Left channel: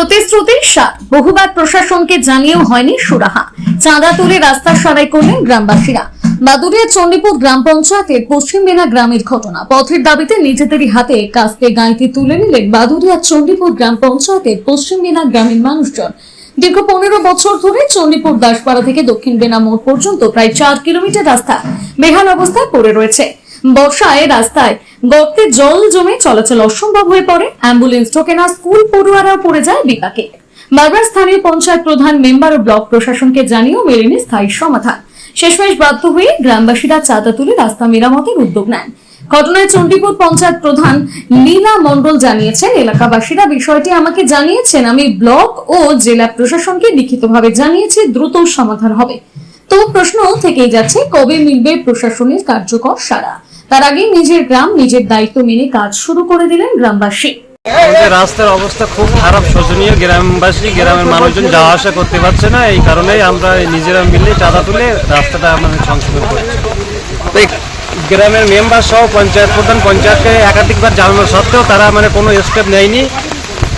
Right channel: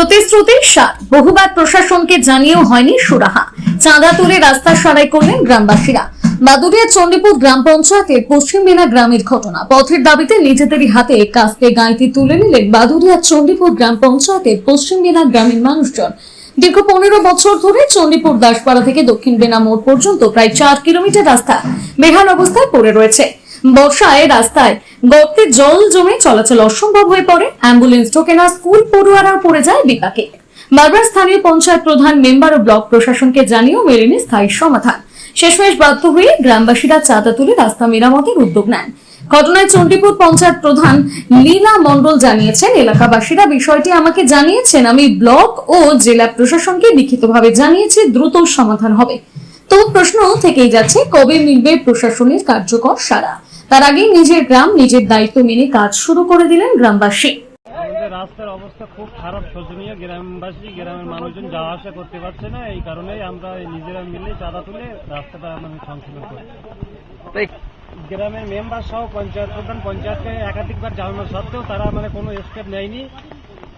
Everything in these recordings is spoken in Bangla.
প্রতিশ্রুতির সার। বহুবার প্রশাসনকে জানিয়েও হয়নি সুরাহা। চাঁদা তুলে রাস্তা সারাই করলেন গ্রামবাসীরা। বাদুরিয়া চণ্ডীপুর গ্রাম পঞ্চায়েতের পশ্চিম বেনা গ্রামের ঘটনা। পথের দাবিতে নিজেদেরই হাতে কাস্তে গাঁইতি তুলে নিলেন বাদুরিয়া চণ্ডীপুর গ্রাম পঞ্চায়েতের পশ্চিম বেনা গ্রামের মানুষজন। দীর্ঘ পনেরো বছর ধরে চণ্ডীপুর দাসপাড়া থেকে দক্ষিণ বেনা মোড় পর্যন্ত প্রায় চার কিলোমিটার রাস্তা বেহাল অবস্থায় পড়ে রয়েছে। বর্ষায় রাস্তায় গর্তে জল জমে চলাচল অসম্ভব হয়ে পড়ে। অ্যাম্বুলেন্স ঢোকে না, স্কুল পড়ুয়ারাও পড়ে যায় বিপাকে। বারবার স্থানীয় পঞ্চায়েত প্রধান, মেম্বার ও ব্লক প্রশাসনকে জানিয়েও মেলেনি স্থায়ী সমাধান। শেষমেশ বাধ্য হয়ে গ্রামবাসীরা চাঁদা তুলে রাস্তা মেরামতের উদ্যোগ নেন। ঘটনায় চণ্ডীপুর পঞ্চায়েত প্রধান লীলা মণ্ডল জানিয়েছেন, এলাকাবাসীরা বিষয়টি আমাকে জানিয়েছেন, আমি ব্লক ও জেলা প্রশাসনকে লিখিতভাবে জানিয়েছি, দ্রুত সমাধান হবে। তো প্রশ্ন থেকেই যাচ্ছে, কবে মিলবে প্রশাসনের কার্যকর সারা তার আগেই নিজের গ্রাম, নিজের দায়িত্ব মেনে কাজ শুরু করে দিলেন গ্রামবাসী। রাস্তার অবস্থা খুব খারাপ, শোচনীয়। গ্রামবাসী, গ্রামের মানুষজন যাওয়া আসা করতে পারছে না। এই কারণেই আমরা নিজেরা মিলে চাঁদা তুলে রাস্তাটা আমাদের সংশোধন করছি। গ্রামের মেম্বার সহ, পঞ্চায়েত প্রধান, পঞ্চায়েতকে একাধিকবার জানানো সত্ত্বেও তারা মানে কোনো স্টেপ নেয়নি।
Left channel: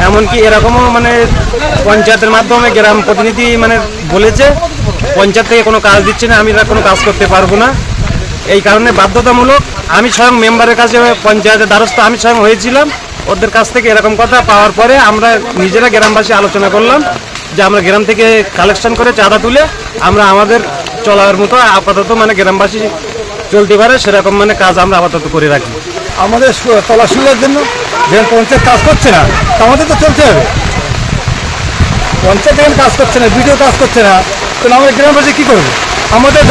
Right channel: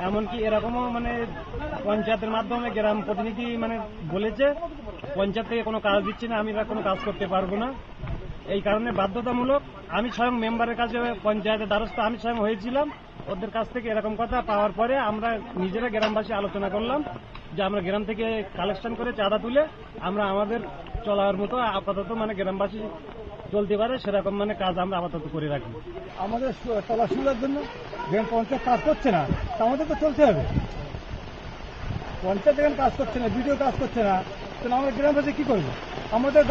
এমনকি এরকমও মানে পঞ্চায়েতের মাধ্যমে গ্রাম প্রতিনিধি মানে বলেছে, পঞ্চায়েত থেকে কোনো কাজ দিচ্ছে না, আমি কোনো কাজ করতে পারব না। এই কারণে বাধ্যতামূলক আমি স্বয়ং মেম্বারের কাছে, পঞ্চায়েতের দ্বারস্থ আমি স্বয়ং হয়েছিলাম। ওদের কাছ থেকে এরকম কথা পাওয়ার পরে আমরা নিজেরা গ্রামবাসী আলোচনা করলাম যে আমরা গ্রাম থেকে কালেকশন করে চাঁদা তুলে আমরা আমাদের চলার মতো আপাতত মানে গ্রামবাসী চলতে পারে, সেরকম মানে কাজ আমরা আপাতত করে রাখি। আমাদের সু- জন্য যেমন পঞ্চায়েত কাজ করছে না, তা আমাদের তো চলতে হবে। পঞ্চায়েত কাজ করছে না, বিডিও কাজ করছে না, তাহলে আমাদের গ্রামবাসী কী করবে? আমাদের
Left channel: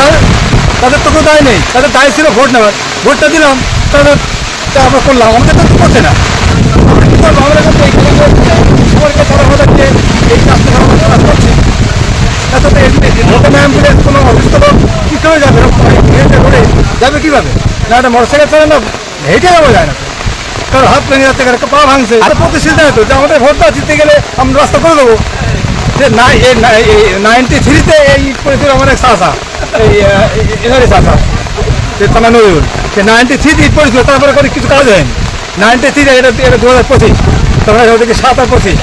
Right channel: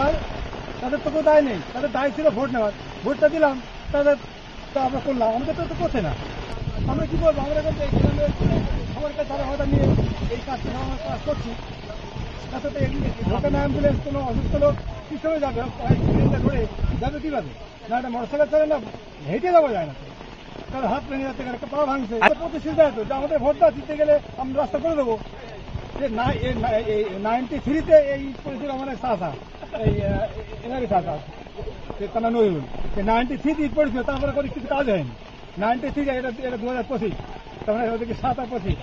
তাদের তো কোনো দায় নেই। তাদের দায় ছিল ভোট নেওয়ার। ভোটটা দিলাম, তাদের আমরা করলাম। আমাদের তো করছে না? আমরা এই করছি। কোনো অসুস্থ যাবে যাবে কীভাবে? না একটা চলে হেঁটে ভাঙছে। আমাদের ভোটটা গেলে রাস্তা করে দেবো। যে নাইনটি থ্রিতে এই আমার এক চাষা এই এনারি চাষা তানা নজরুল। সে নাইনটি থ্রিতে ইট পড়েছিল তারপরে করে কিছু কাজ হয়নি। নাইনটি থ্রি এটা এটা দু হাজার পঁচিশ। তারপরে ওদিকে সাত আর পঁচিশ।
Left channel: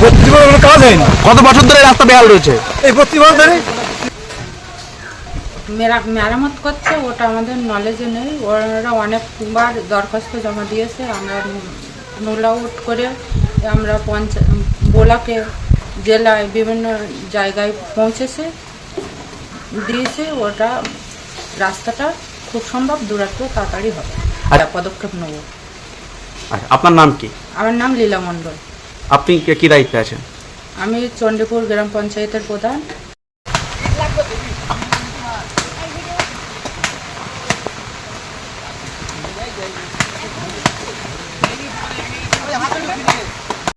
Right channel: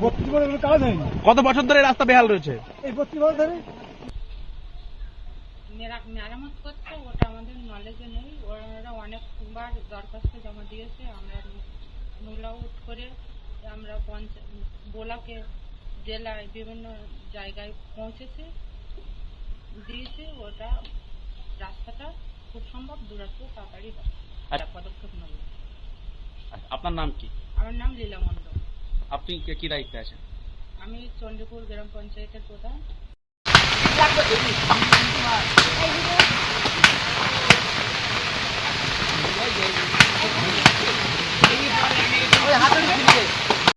বত্রিশ বছর কোনো কাজ হয়নি। কত বছর ধরে রাস্তা বেহাল রয়েছে? এই বত্রিশ বছর ধরে? মেরামত করছে ওটা আমাদের নলেজে নেই। ওরা অনেকবার দরখাস্ত জমা দিয়েছে আমরা নোল আউট করে আমরা পঞ্চায়েত ব্লকে জেলায় বিভিন্ন জায়গায় পৌঁছেছে। দিয়েছে ওটা রাস্তাটা খুব সম্ভব দূরত্ব তাড়াতাড়ি হবে। আচ্ছা। পদক্ষেপ নেব। আর আপনার নাম কি? আমার নাম লীলা মণ্ডল। আপনি কে- কি দায়িত্বে আছেন? আমি চণ্ডীপুর গ্রাম পঞ্চায়েতের প্রধান।